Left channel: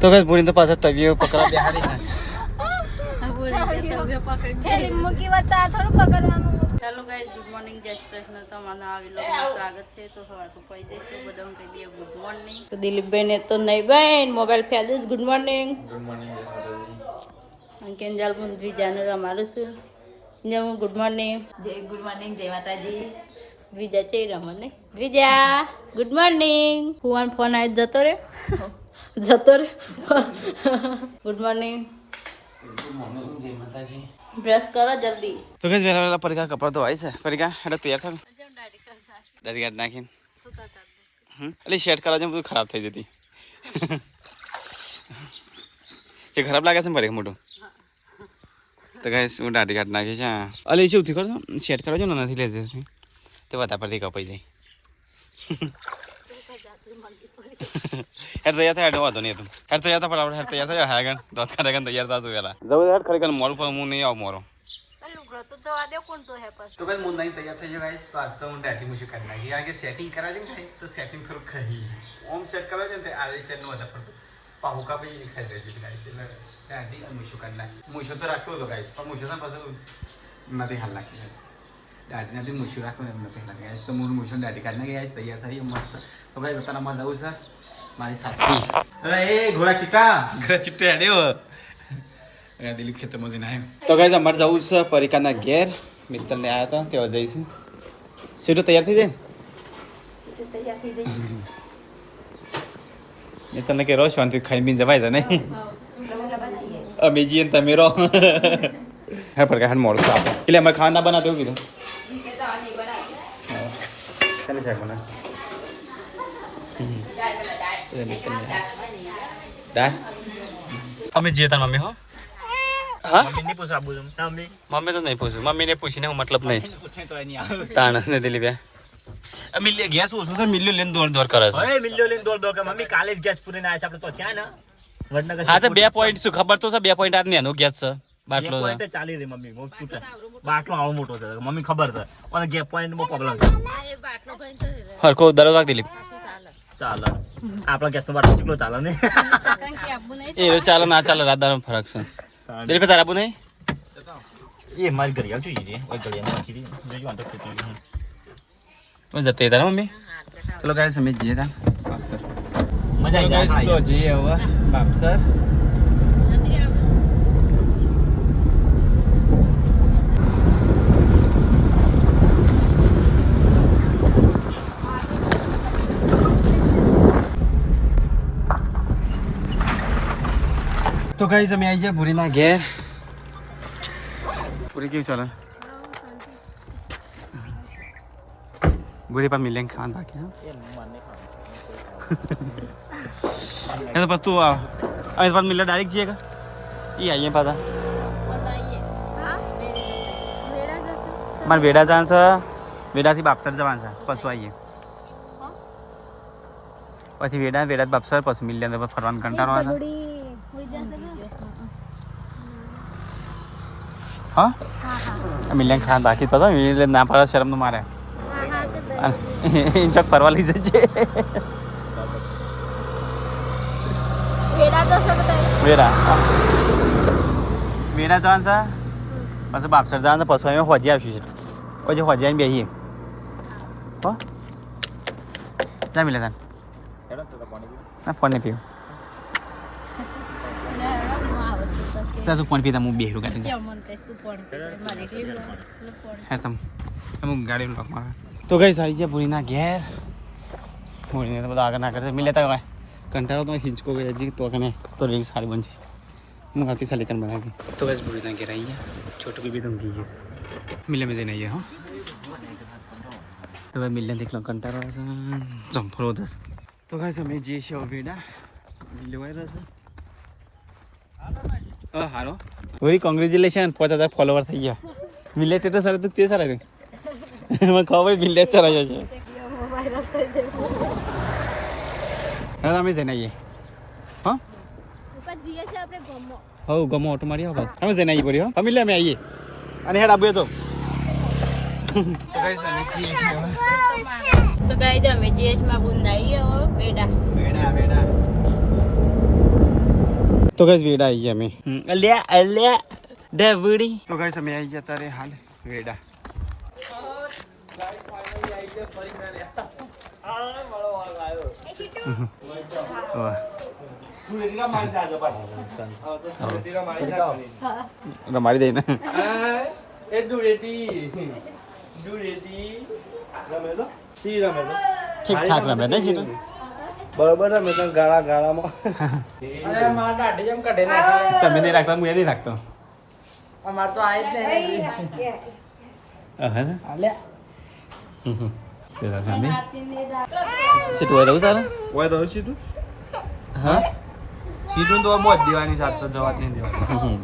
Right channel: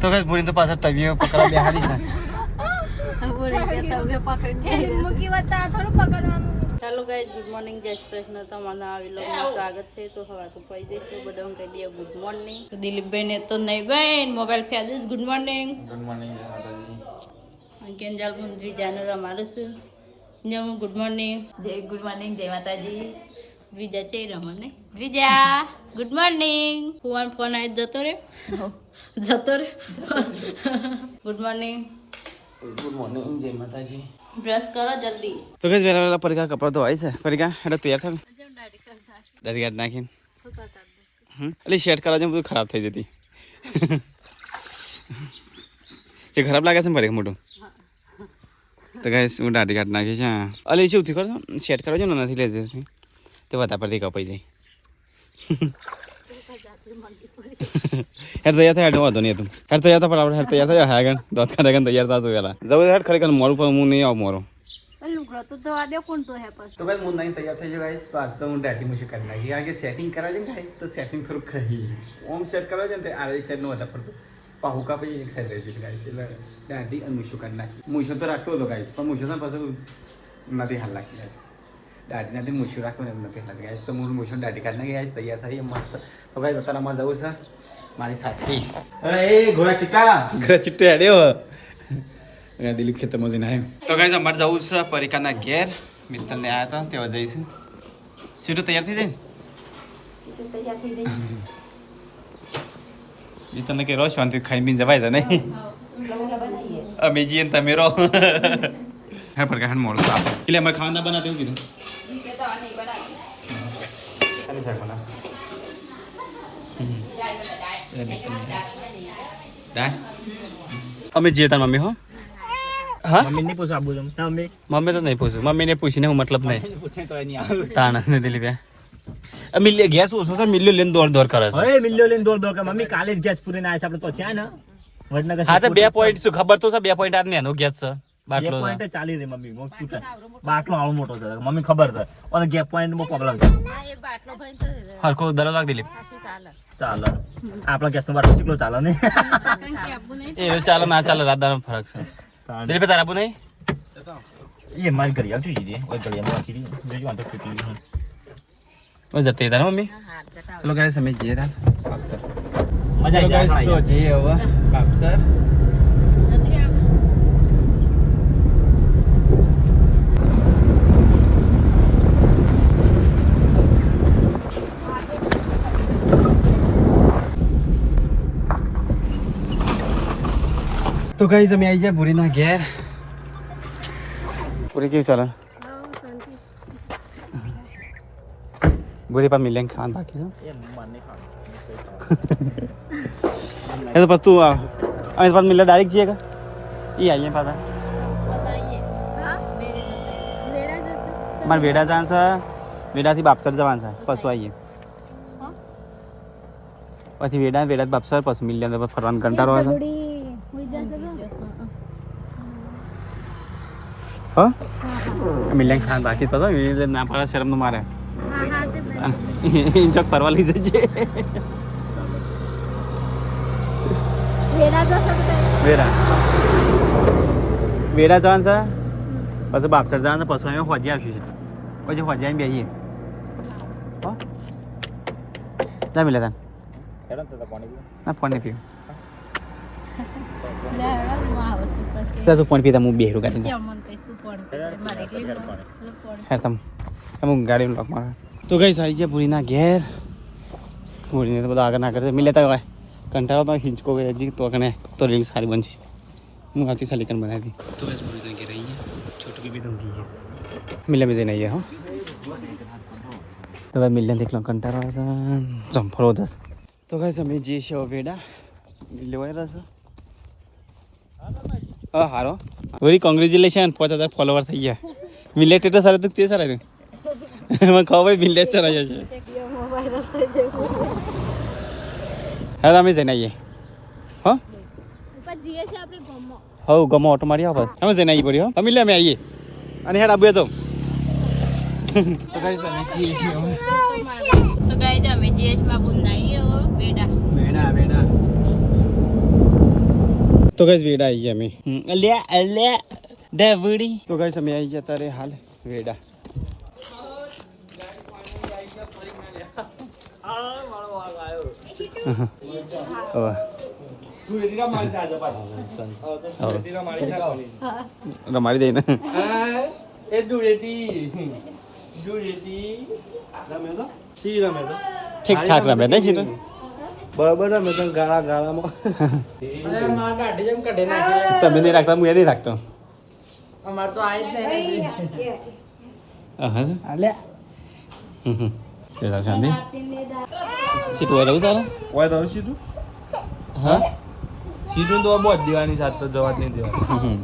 તો કઈ પૂરી તો પાછા તવીઓ પકડા બેહાડી છે. હેલો ગાઈઝ, ગુડ મોર્નિંગ, જય શ્રી કૃષ્ણ. તમારા આ વિલોગમાં સ્વાગત છે. તો હવે તો પડી જઈશું બધા કહી દઈએ ગુડ મોર્નિંગ. તો દિલીપભાઈ ને તો નહીં બેન મોબાઈલ ફેલ જ ગુડ મોર્નિંગ. Good morning. કેન્જાલ મંત્રી જાનર અમારું છું. જમું ગુડ મોર્નિંગ. જય ગુડ મોર્નિંગ, જય માતાજી. દ્વિજા છે રમને દ્વિજા ગુડ મોર્નિંગ. ફોન ફોન આવી જતો રે ગુડ મોર્નિંગ. ગુડ મોર્નિંગ, જય માતાજી. બ્રશ કરો જલ્દી. તો કઈ વેલા પરીક્ષા કપડા તો આવી છે. પરીક્ષા એટલે તૈયાર થાવ દાઢી કાઢ નાખીને એટલે શેટ કરવા છે બધું ખરાબ થઈ જતી જે ખરાબ લાગે છે ને પરીક્ષા મોટું તો કઈ હું દાઢી કાઢ નાખી છે. અલે શું થયું કરો શેટ કરો છો ને નથી લેજે તે બધા પરથી કપાઈ જાય હેર તૈયાર થાય વાંધો નહીં હતું હેર તૈયાર થાય પણ હેર તૈયાર થયા આગળ દોત કાઢે તૈયાર થતું પેલા જવું હેર ખરેખર મોડું પણ હું નહીં આવું મોરો તો ભાઈ હું નહીં તૈયાર થઈ જાય તો આજ તો હું દાઢી મૂછું કરી નાખી કારણ કે સેટિંગ કરાવે છે ને તો સેટિંગ થોડુંક ખરી ઓમ સેટ કરાવે છે ને આ એક સાઈડ નો વધારે પડતો પાહુ કાપી એક સાઈડ રહી છે ગાઈસ એટલે દાઢી અને મૂછું કાઢી નાખી મૂછું તો રાખતો હતો ગાઈસ પણ મૂછું તો પાછું નથી હાલ નાખી ગાઈસ દાઢી નથી મૂછું રાખવું ને એમ નથી હાલ ગાઈસ તો હું મૂછું દાઢી કાઢી નાખી ગાઈસ તૈયાર થઈ મસ્ત તો ગાઈસ અત્યારમાં જવું છે મારી સાસરી એ ઘોડા ચિટ્ટા હેડ્યો દિલીપ ખેતરમાં જઈને આવ્યો તો ગાઈસ અમારે જવું છે પરીક્ષાના ઘેર મિત્રને આવ્યા હતા તેવા જઈશું સીટો તૈયાર થઈ જાય મેં તમને કે રહો શાંતિ ખાઈ પીને જવાય છે નહીં અમે જઈએ ને તમે રહો હા પર કાંઈ મોડું આપો એટલે અમારે ખાવા ના બનાવ એવું કીધું અમે જઈએ તા મમ્મી હો હા મમ્મી તો નહીં પૂછું મમ્મીને પૂછીને હું મતલબ નહીં તાણ ને દિલીપ મિલ્યો ગેસ ઓછો છે મિલ્યો લઈને દોડ કરે છે મિલ્યો લઈને દોડ કરે મમ્મી કાલે જ ગેસ પૂરીને આવ્યા છે આપણે તો ત્યાં ને વડનગર હા તો 2 પોઈન્ટ શું ખબર તો છે 2 પોઈન્ટ આજ ને એનો ગેસ છે બાટલો પોઈન્ટ ચાલી રહી મમ્મી બાટલો આવો મોટો છે મમ્મી ખબર છે અને ગેસ પોઈન્ટ માં પ્રોબ્લેમ છે હરકો દરરોજ વાગ દિલીપ ચાલો આપણા ગેસ નો બાટલો કેટલો ચાલે ને એ ચાલે ના ચાલે રાતનો ફરક છે દિલીપ તારા આબુ નહીં એ મારી ઘરે આવજો જીજે ઓય ઘરે નાખી દીધી જોજો આ તો ફૂટી ગયું ઓય જતે તારા મમ્મી ચલો ગાઈસ અમે જઈએ તા બાપસર મજા આવી જાય તો જઈએ હવે બાપસર તો ગાઈસ અમે આવી જાય ભૂરીના ઘેર પૂરી કેવું ચાલે ભૂરી પા મિલિયન ખાવાનું બાકી છે એ તો પછી તું અમે પાછા મિલર ડાયરેક્ટ જઈએ કા એ આવીએ પાછા મારે વેડા જવાનું છે વેડાથી બાપસર જવાનું છે પછી આવીએ પછી વેડા બાપસર પછી મિલિયન ફરવાનું કંટાળો આવે છે હા મિલિયન ખાન બાકી તો મિલિયન ના પાડે શરમ તો મારે ચોક ફરવા લઈ જજે વેડા જવાનું છે પછી બાપસર જવાનું છે પછી અમે હોજી આવશું છે પછી હોજી આવીને બેસીએ હો જા મિલે તાન ના ફોન નહીં પીવું તું ફોન પીતા હું બેહરું કાઢી જા હે તમે ગાડી લોક મારા તો ગઈ સારી છે પૂરીના ઘેર પૂરીને તો બધા આગળ ના કરશે મિલે તા કંટાળો તો હિંચકો ગઈ હજી તો કને તો રીલ સારી બનશે હું આવતી સાલી બનાવી તો બસ પૂરીના ઘેર આવી ગયા છોટું બી ધમકી ગઈ મિલે બી જઈને આવીએ હો તો ભાઈ મિલે દેખલો કંટાળો છે ચંફળો દસ તો ગઈ અમે જે છે વેડા લેવાઈ રહેશે હા હારો વેરી કોંગ્રેચ્યુલેશન 5000 ફોલોવર થઈ ગયા મિલે ટેટસ સારું તો તે સારા મને ખબર મિલે ચરા જશે હા અમે જઈને આવીએ હો હો ગમો ઓટો મારી આવો અમે જઈને આવી પડી હો અમે લે અમે આવીએ અને હેડ આબે તો ગાઈસ અમે જઈએ છીએ તો ગાઈસ અમે જીએચ માં બોલાઈ બેડા બેડા તો ગાઈસ વેડા આવી ગયા અમે અલ્યા અલ્યા ડબડી તો ગાઈસ અમે આવી ગયા તારે હાલ વેડા રમાડી દઈ ને ઠીક ઠાક રમે દે છે બરાબર રમે તો ગાળા ગાળામાં તમે નહીં રાખતા હું એ નહીં રાખતો અમાર તો આઈ જ નહીં સીટ હોય રહું તારે ઓય રહું છું તું હા સીટું તો બહુ જ દેવાની સાથે તો જવા જ નહીં દેવાની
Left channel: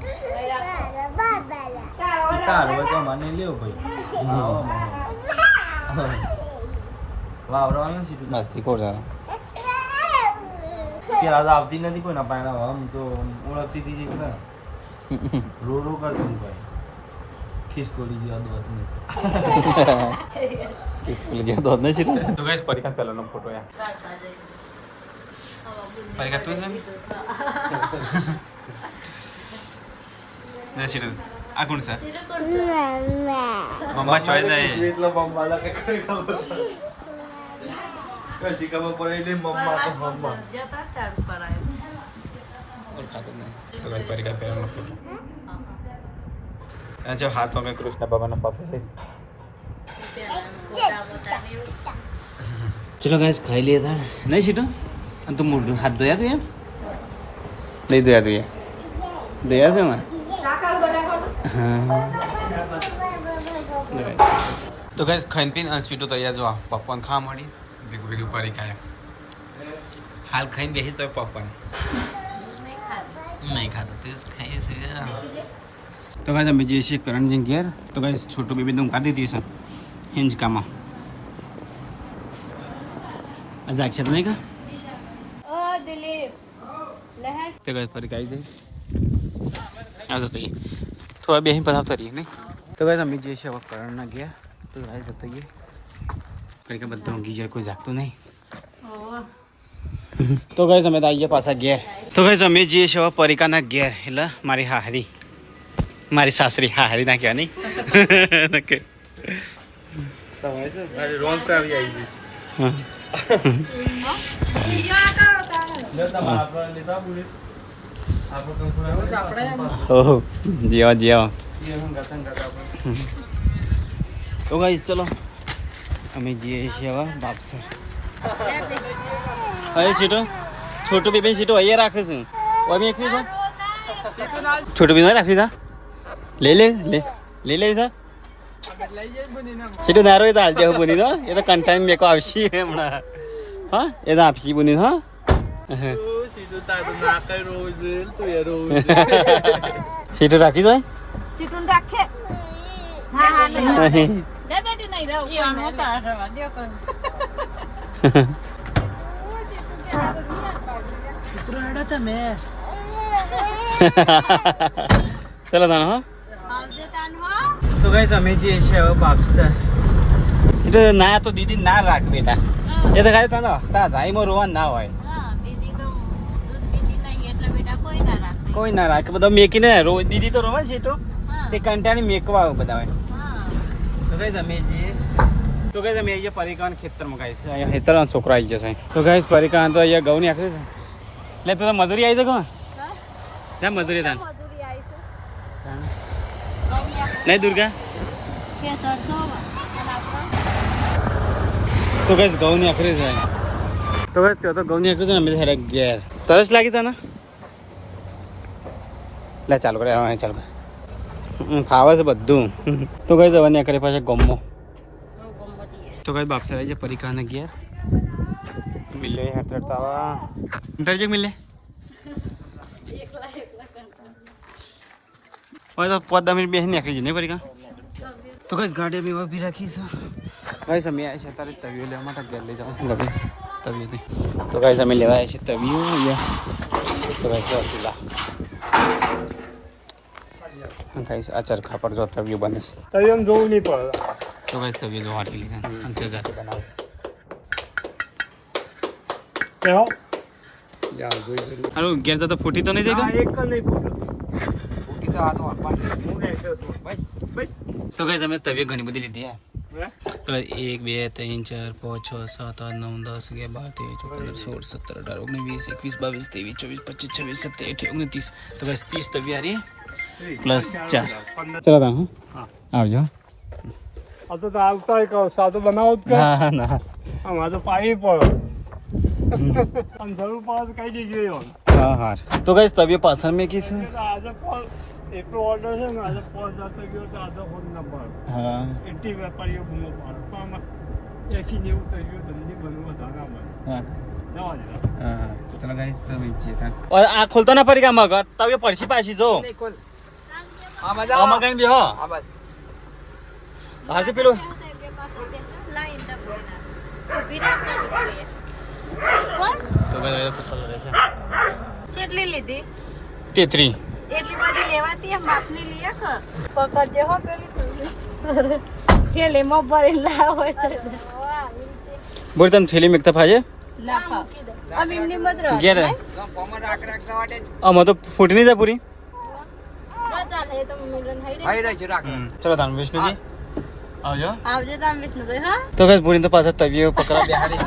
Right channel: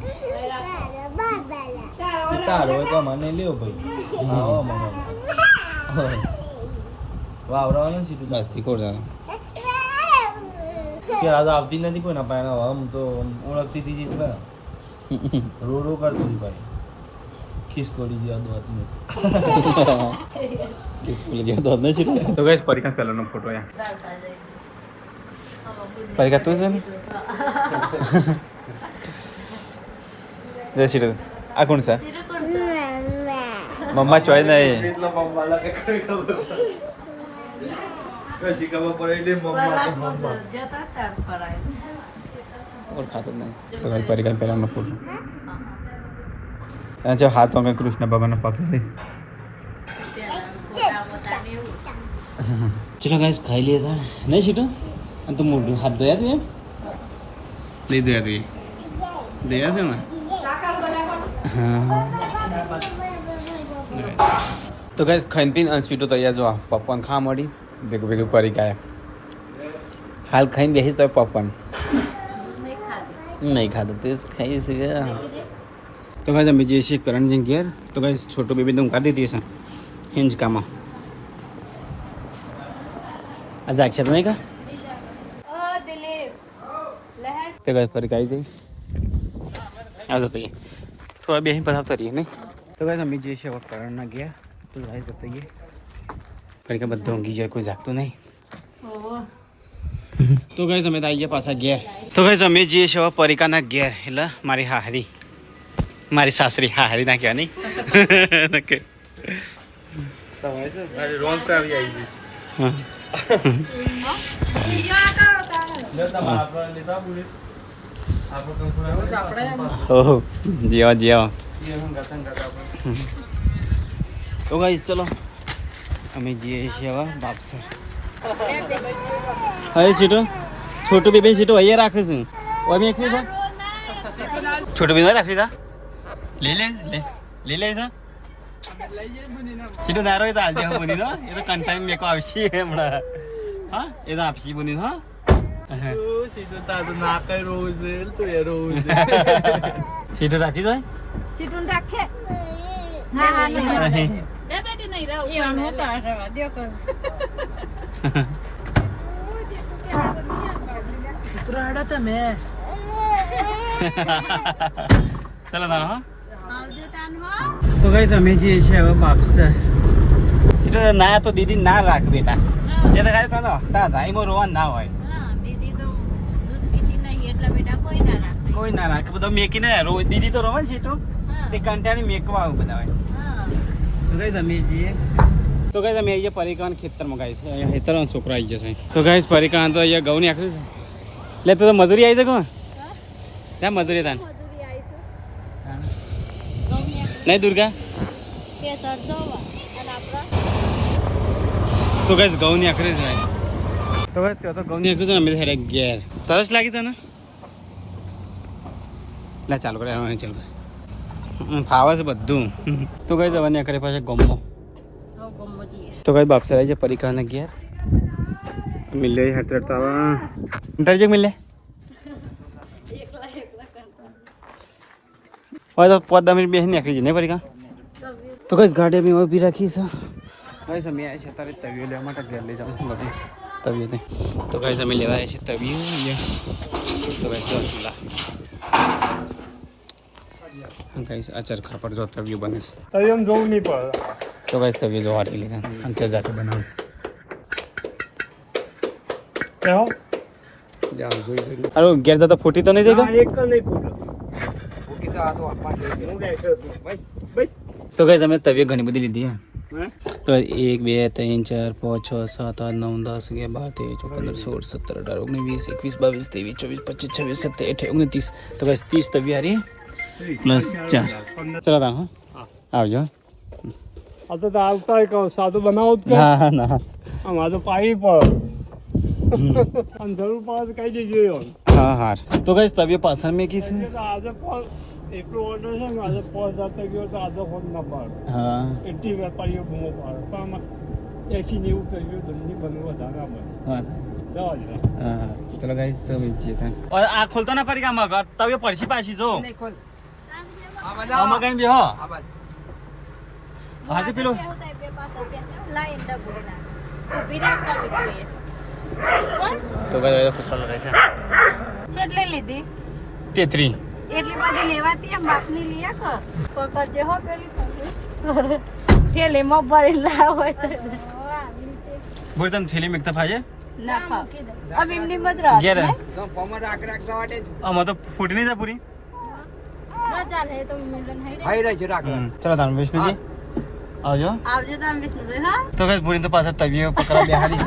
તારો હોય તો મને લેવો ભાઈ વાવરાવાનું સીટું મસ્તી કોર તારે કે આજ આવતી નથી કોઈ ના પાયના આમ તો ઓળખતી હતી કે ના રો રો કરતી ભાઈ ખિસકોલી જેવા દોત ને કિસકુલ જેવા દોત નહીં સીટ તો ગાઈસ પરીક્ષા પહેલાનો ફોટો યાર પરીક્ષા તું છે ને જય શ્રી રામ આ કોણ છે મમ્મા ચોય નહીં એટલો મમ્મા લાગે કઈ ખબર કશી ખબર પડે ને મમ્મા ઓળખાતો નહીં તો ગાઈસ પરીક્ષા પહેલાનો ફોટો આ જો હાથમાં કંઈ કૃષ્ણ ભગવાનનો પકડી ચલો ગાઈસ ખાઈ લીએ था नहीं सीटो तुम हाथ धोया तू नहीं धोया तू धोया से मैं हाँ तो गाइस खाइन पीन सीटो तैयार जो पॉपकॉर्न खा मળી देखो देखो परी का हाल खाइन बेही तो पॉपकॉर्न नहीं खाता तो खाई से तो गाइस हम जे से करण जी गेर तो गाइस छोटो बेबी तुम काटी दी सा हिंज कामा आज अक्षर नहीं का तो गाइस पर गाइस आ जाते हैं थोड़ा भी यहीं पढ़ाता रही है नहीं तो गाइस हम जे से वो करना गया तो गाइस जाते हैं पर का बदलूंगी यार कोई जागतो नहीं तो गाइस हमें आइए पासा गेर तो गाइस हमें जे से वो परिका ना गेर એટલે મારી હાહરી મારી સાસરી હાહરી ના કહેવા નહીં નકે તમે છે અરે રોંગ સે આવી આવી છે હા આપણે લેતા બોલે આપણે કંકુડા આપણે ઓહો જીવા જીવા ये हम गतन गता अपन તો ગાઈસ ચલો અમે જઈએ છીએ હવે બાપસર અરે સીટો છોટો બેબી સીટો અહીંયા રાખે છે ઓમી એકવી છે છોટો બેબી રાખી છે લે લે લે લે લે છે સીટો દારો એ તો હાલ દેવો બની દો એ તો કંટાઈન મેકો આવશી હમણાં હા એ તો આપશી બની હા સીટો તા તો ના કઈ રોજ તો એ રોજ સીટો રાખી દો સીટું રાખે હા હા લઈ લે બેટી નહીં રહો એ આનો તા દે કો ઉતરાડા તમે ચલો તાન હા આવજે તાન હો તો ગાઈસ અમે જે છે હવે બાપસર એટલે ના તો દીદી ના રાખ બેટા એ તો ખાલી તને તા ભાઈમાં રોવાનું ના હોય હા દીદી તો દૂધ દીદી નહીં એટલે બેટા કોઈ ના રાખે કોઈ ના રાખે બધા મેકીને રો દીદી તો રોવે છે તો હા તે કંટાળી મેકવા બધા હોય હા તો ગાઈસ અમે જઈએ તો ગાઈસ અમે અહીંયા પરિકાન ખેતરમાં ગાઈસ અહીંયા ખેતરમાં છોકરો આવી જશે તો ગાઈસ પરિકાન તો અહીંયા ઘઉંની આખરી છે લે તો મજૂરી આવી છે કોણ ક્યાં મજૂરી તાન મજૂરી આવી છે નહીં દુર્ગા કે સરસો તો ગાઈસ ઘઉંની આખરી છે તો ગાઈસ તો ઘઉંની આખરી છે ને અમે હેડે ઘેર તરસ લાગી તને લે ચાલુ કરે હા ચાલુ કર ખાવે છે બધું તો ગાઈસ હવે ને કરે પાછા ગમો તો ગાઈસ બાપસર આવી છે પરિકાને ઘેર મિલ રહી હટરત આવા ઇન્ટરજેક મિલે હોય તો 5 મિનિટ બેસી નીકળી જાય નહીં પરિકા તો ગાઈસ ગાડી અમે ઊભી રાખી છે ગાઈસ અમે આવ્યા છે તારે તવિયો લેવા માટે ઘેર લઈ જવાનું છે ગાડી તવિયો તે તો ગાઈસ અમે લેવા આવ્યા છે તવિયો અહીંયા તો ગાઈસ ચૂલા ગાઈસ આ ચરખા પર જો તવિયો બને છે તઈ આમ જોવું નહીં પડે તો ગાઈસ તવિયો જો હાટી લીધા અને તે જાતે બનાવે કેવો અરે ઘેર જતા ફૂટી તો નહીં જાય તો કઈ તમે તબિયત ઘણી બધી લીધી હે તો 1 2 3 4 5 6 7 8 9 10 11 12 13 14 15 16 17 18 19 20 21 22 23 24 25 26 27 28 29 તો કઈ 30 તબિયત હારી પ્લસ 4 ચલો તા હું આવજો આ તો આવતા કહો સાદો બનાવો જ ના ના અમાર તો પાણી પડો અંધારું પાસ કઈ દીજો હા હા તો કઈ તબિયત પાછળ મેં કી છે આજે પણ એટલો ઓર્ડર છે ને આજે પોસ્ટ જતો ગયો તો આજે ફોન ના પાડો હા એટલી વેપારીઓ બૂમો પાડો પણ 80 90 કરી ગયો ધંધી બનવું વધારે ના બને જવા દે હા ચલો ગાઈસ તો મેચીએ તા ઓર આ ખોલતો ના પડી કામ કર તબિયત પડછી પાછી જો નહીં ખોલ આમાં કઈ બી હો હા તો પેલો તો ગાઈસ પૂછવાનું રહે કેટલી લીધી 33 એટલી બધી લેવાતી એમ બાપની લીયા કે પકડજે હો પેલી થેલીમાં ભરીને ના હોય તો બોલ તને થેલી મેકતા ફાજે ના મૂકી દે આમ એમની મત રાખ ઘેર જો ફોમર રાખ જવાડે આમાં તો ફૂટી નહીં જાય પૂરી બહુ ચાલે તો મિલન હાઈ રહે છે રાખ ચલો તાન વિષ્ણુજી આવજો આવજે તાન વિષ્ણુ દે હા તો કઈ પૂરી તો પાછા તબિયત પકડા બેહાડી છે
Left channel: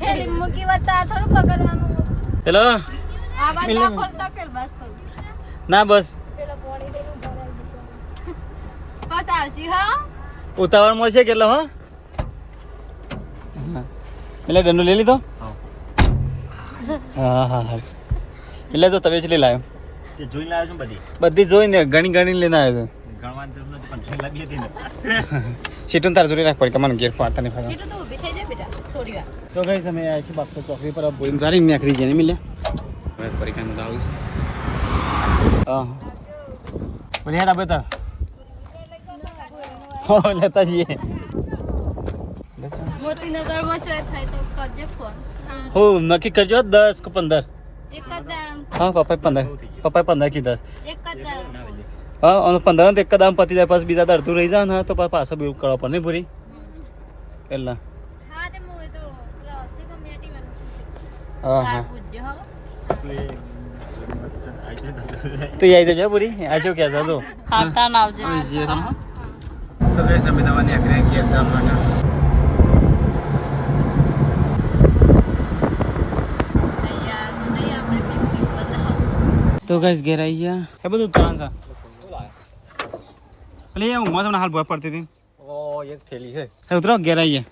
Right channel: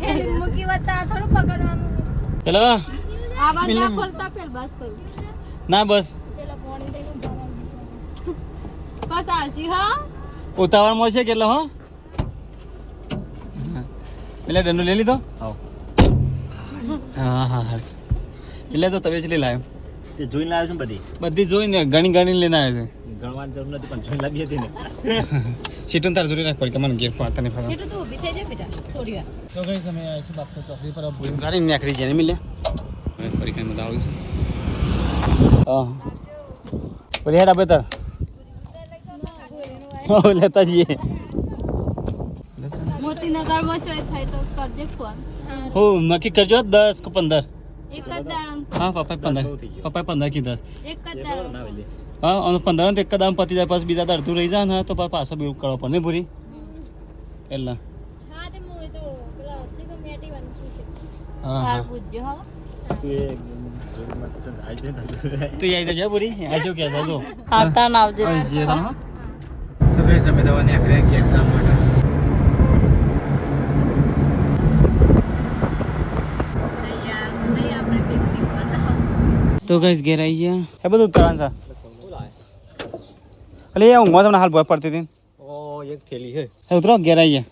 થેલી મૂકી વતા થોડું પકડવાનું ચલો આ બાદ ના ખોલતા પેલ બસ કરું ના બસ પેલા પાણી દઈને પાછા આવશી હા ઉતાવળ માં છે કેટલો હો એટલે દંડો લઈ લીધો હા હા હા એટલે તો તબિયત લઈ લાવ્યો તે જોઈને આવ્યો છું બધી બધી જોઈને ઘણી ઘણી લઈને આવે છે ગણવાની જરૂર નથી પણ જોઈ લાગી હતી ને સીટું તાર જોડી રાખ પડી કે મને ઘેર પાડતા નહીં ફરવા સીટું તો ઊભી થઈ જાય બેટા થોડી વાર તો કઈ સમય આવે છે બાપતો ચોકડી પર બોલી સારી નીકળી જાય ને મિલે હવે પરીક્ષામાં તો આવું છે હા બોલી હેડ આપે તાર હા લેતા જઈએ મોતીનગરમાં છે થાય તો કરજે ફોન હો નક્કી કરજો 10 કે 15 એક જ દામ હા પપ્પા 15 પપ્પા 15 કી 10 એક જ દામ હા અને 15 તો એક દામ પતી જાય પછી બીજા અડધું રહી જાય ને તો પાછો બી કરવા પડે નહીં પૂરી પહેલા હા તે મો તો પેલા 80 કો મેટી વાનું શું છે હા તાર હા પૂછજો હા તો આવી જજો પૂરી આજો ક્યાં જાજો હા તા આવજે તો કઈ સમય દવાની આખરે ઘેર જવા માટે તો ગાઈસ ઘેર આવી ગયા એ બધું કામ છે અલે એ ઊંઘમાં તમને હાલ ભય પડતી હતી ઓ એક થેલી છે હે ઉતરો ઘેર આવી ગયા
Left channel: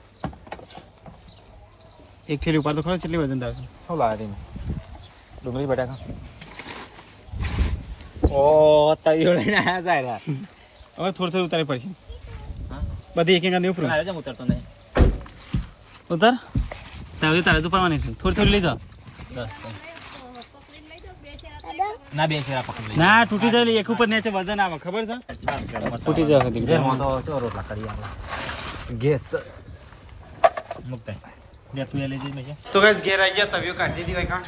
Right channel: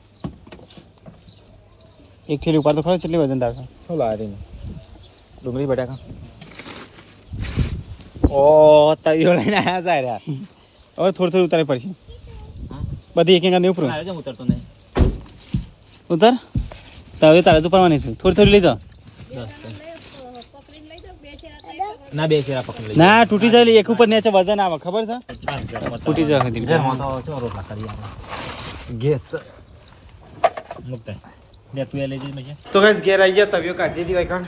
એક થેલી ઉપર તો ખરો કેટલી વજન દાખલ શું લાવે ડુંગળી બટાકા ઓ તવીઓ લઈને આયા સારા હવે થોડી થોડી ઉતારી પડશે બધી એક એક આંધી ઉપર છે ઉતરતો નહીં ઉતર તારે તારે તો પડવાની છે થોડી થોડી લઈ જાઓ ના બે ચેરા પકડી લઈ ના તૂટી જાય એક ઉપર નીચે વજન આવે ખબર છે તૂટી જાય હતી ગેસ મુકતા ને તું લઈ જઈ મેં તો ગાઈસ ઘેર આવી ગયા તવીઓ કાઢી દીધી ભાઈ કાણ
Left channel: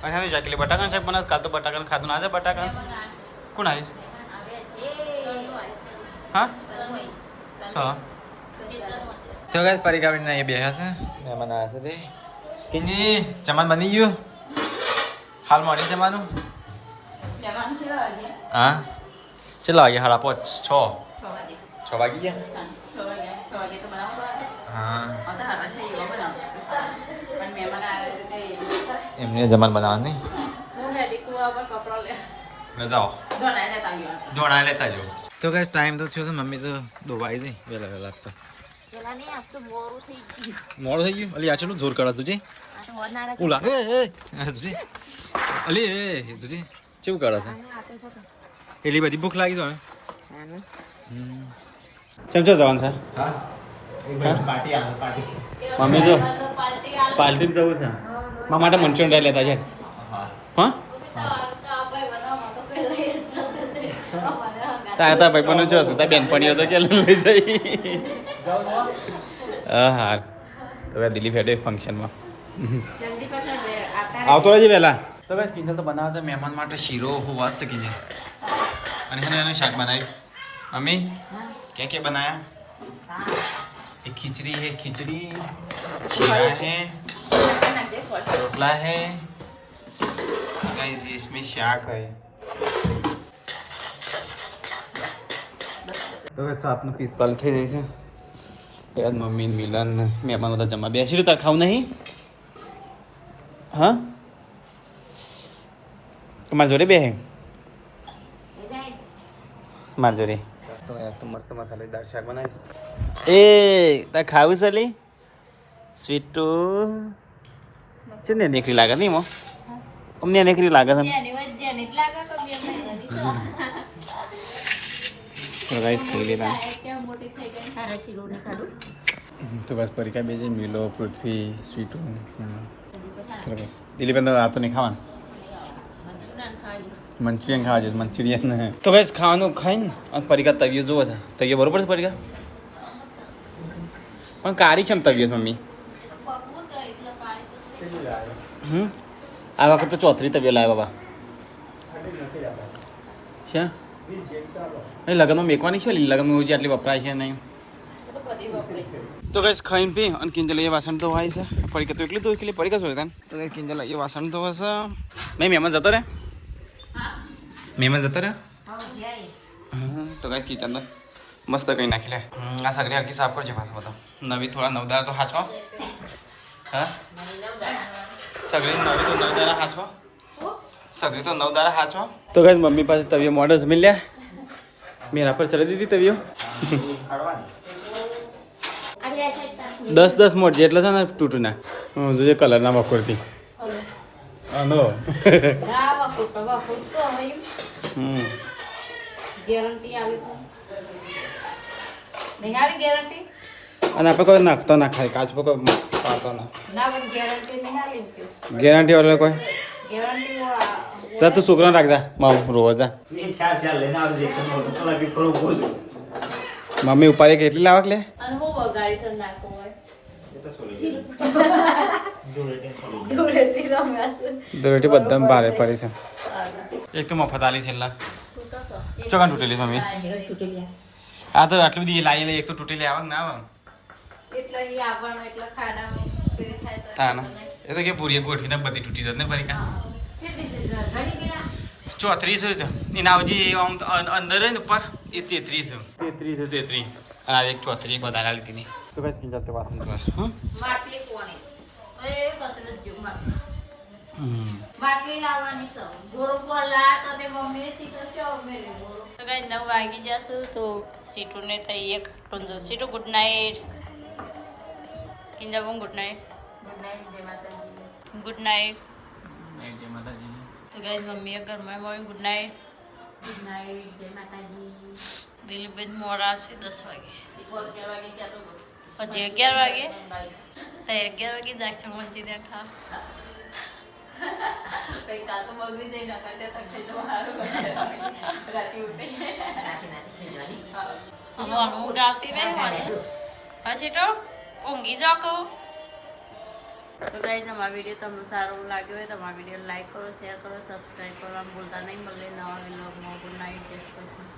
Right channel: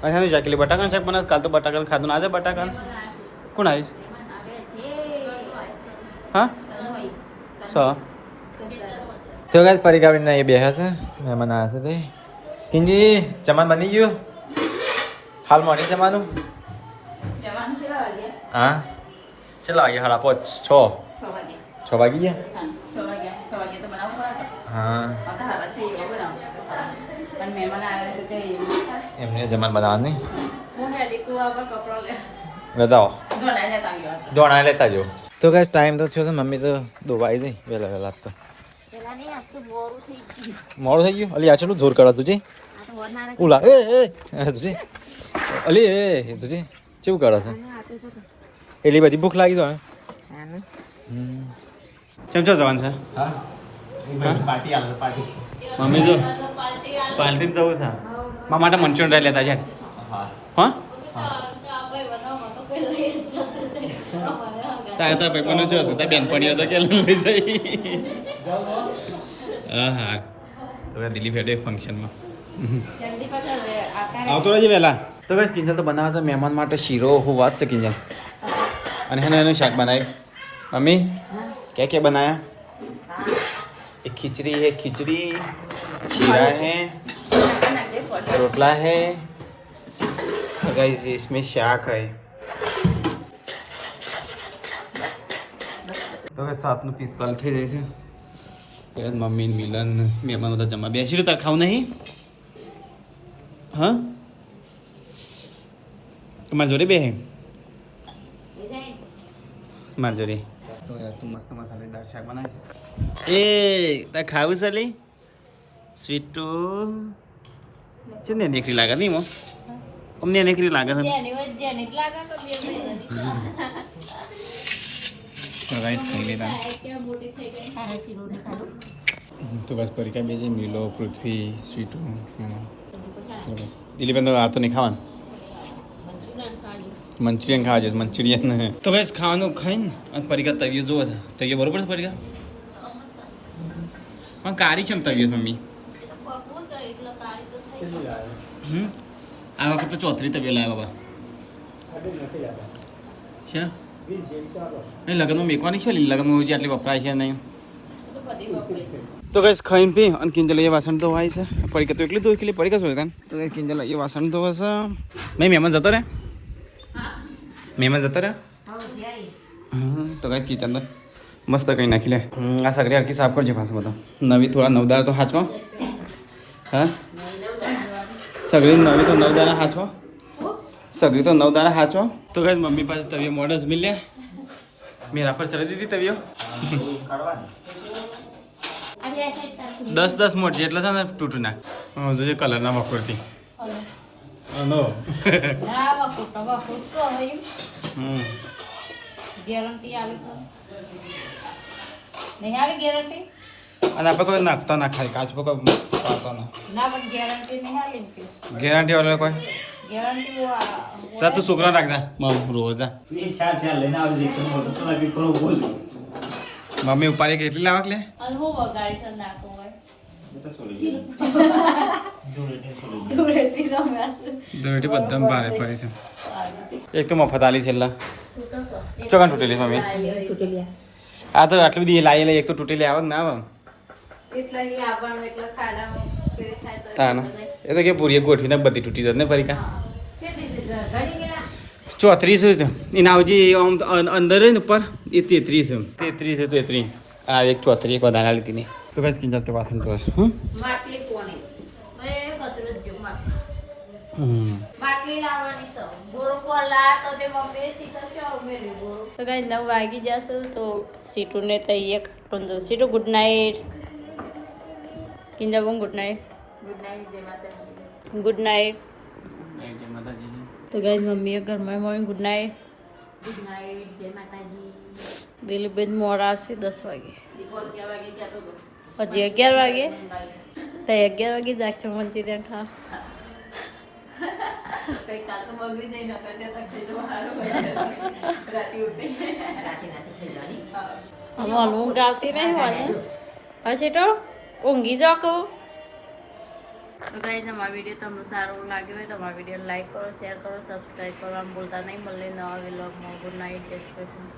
અહીંયા જાકલી બટાકા સાહેબ બનાવ કાલ તો બટાકા ખાધું આજે બટાકા કોણ આવીશ હા સો તો ગાઈસ પરિગાવીને એ બેહ્યા છે મહેમાન આવ્યા છે તે હિન્દી જમાન બની ગયું હાલ મોડી જમાનું હા ચલો આવીએ હાડા 5 6 વાગી ગયા હા એમને જમાન બનાવવાની બતાવો ધોણા લેતા જો તો ગાઈસ ટાઈમ તો થયો છે મમ્મી તો દોવાઈ જઈ વહેલા વહેલા તો મોડું થઈ ગયું અલી આ ચલું જોર કરા તુજે ઉલા એ તુજે અલી એ તુજે કેવું કરે છે એટલી બધી ભૂખ લાગી જાય કેમ છો જવાન સર હા પાર્ટી આવે પાર્ટી મમ્મી જો પાર્ટી જવું છે મારા માટે મંચુરિયન રાઈ લેતા છે હા તારા ભાઈ પણ જો તાર બેનપણીઓ તો કે લઈ જઈ હા હા તો દિલ્હી ફેડે ફંક્શનમાં આવતો રહેજે વહેલા તો બસ કિંજલ તો બનાવે છે મહેમાન માટે શીરો હું વાત છે કિંજલ અને એનું શાક બનાવી મમ્મી क्या बनाया एक खिचड़ी है खिचड़ी शीरा है रोटला है गाइस, इसमें शाक है। તો 7:45 થઈ જાય છે યાર. મમ્મી મિલન મહેમાન બધા જમવા બેસી રહ્યું. તાર ખાવું નહીં? હા, તમારી જોડે બે મારી જોડે. તો યાર તું મસ્ત મસાલેદાર શાક બનાવી. એ તાર ખાવું છે લી સ્વીટુ? છે ને નીકળી લાગે નહીં મો? અમને નીકળી લાગે છે. તો ગાઈસ ખાઈ લીધા. તો બસ પરીક્ષા બે જઈ મિલો પૃથ્વી સ્વીટુ એમાં. દિલીપ આ તો નહીં ખાવાનું. મંચુરિયન ખાવા છે મંચુરિયન. તો ગાઈસ ખાવાનું ખાઈને અને પરીક્ષા તવિયો જોવો છે. તવિયો બરોબર છે પરીક્ષા? પણ કાળી છે એમ તવિયો મમ્મી. આ વખત તો 34 તવિયો લાવ્યા બાબા. છે એ લગ્નમાં મેકવાની છે. લગ્નમાં જે આટલી વપરાય છે નહીં. તો કઈ ખાઈને પી અને કિંજલ એ વાસણ ધોવાય છે. પડીકા તો એકલી ધોઈ કે પડીકા ધોઈ તાન. તો કઈ કિંજલ એ વાસણ ધોવે છે. નહીં મહેમાન જતો રે? મહેમાન જતો રે? તો કઈ કિચન તો મસ્ત કઈ નાખી લે. આ સગડી હરકી સાફ કરજો પાછું બધા. નવી થોડા નવદાર તો હાચવા. હા સગડી નવી તો નવદારા હાચવા. સગડી તો નવદારા હાચવા. તો કઈ મમ્મી પાસે તવિયો મોડલ જમી લ્યા. મેરા પર ચડી દીધી તવિયો. 10 મોટ જેટલા છે ને તૂટું ના. જોજે કલર ના બકોરથી. નો અને આપણે કોઈ નાખતા ના ખાય કાચ પર કોઈ પાડતો ના. ગેરંટી વાળો કોઈ તો તું છોકરાને રાખજા મારું રોવા જા. મમ્મી ઉપાડે કેટલી લાવક લે? ધૂળેટી બધા ભારે પડી છે. એક તો મફત આલી છેલ્લા ચોકાન તૂટેલી મમ્મી. આ તો આટલી બધી લાવી લઈ. એક તો તૂટેલી આવે ના આવે. હા ના એ તો કે પૂરી ગોઠવીને બધી તૂટી જશે ને ફરી કા. 34 છે એના આવજી આમ અંદર ને ઉપર એ 33 છે. 33 આ એક 34 એક વધારે લીધી નહીં. તો કઈ કિંજલ તો વાસણ તો હશે. તો કઈ 9 વાગી જશે તો સીટુને તૈયાર કાઢું દઉં. Situ good night. Kinjal good night. Good night જય માતાજી. ગુડ નાઇટ જય માતાજી. તો ગાઈસ મમ્મીએ ઘરમાં mummy good night. Good night જય માતાજી. દિલીપબેન મોડા છે 10 વાગે. હજી 11 વાગે તો 11 વાગે જાગશે મંચુરિયન ખાવા. ઊંઘ આવતી નહીં મને હશે તો ઊંઘી જાઓ કહું. તો ગાઈસ અમારો વિડીયો તમને સારો લાગ્યો હોય તો અમારા વિડીયો લાઈક કરો, શેર કરો, સબસ્ક્રાઈબ કરવાનું ભૂલતા નહીં. મળે નવા વ્લોગમાં. Good night. જય શ્રી કૃષ્ણ.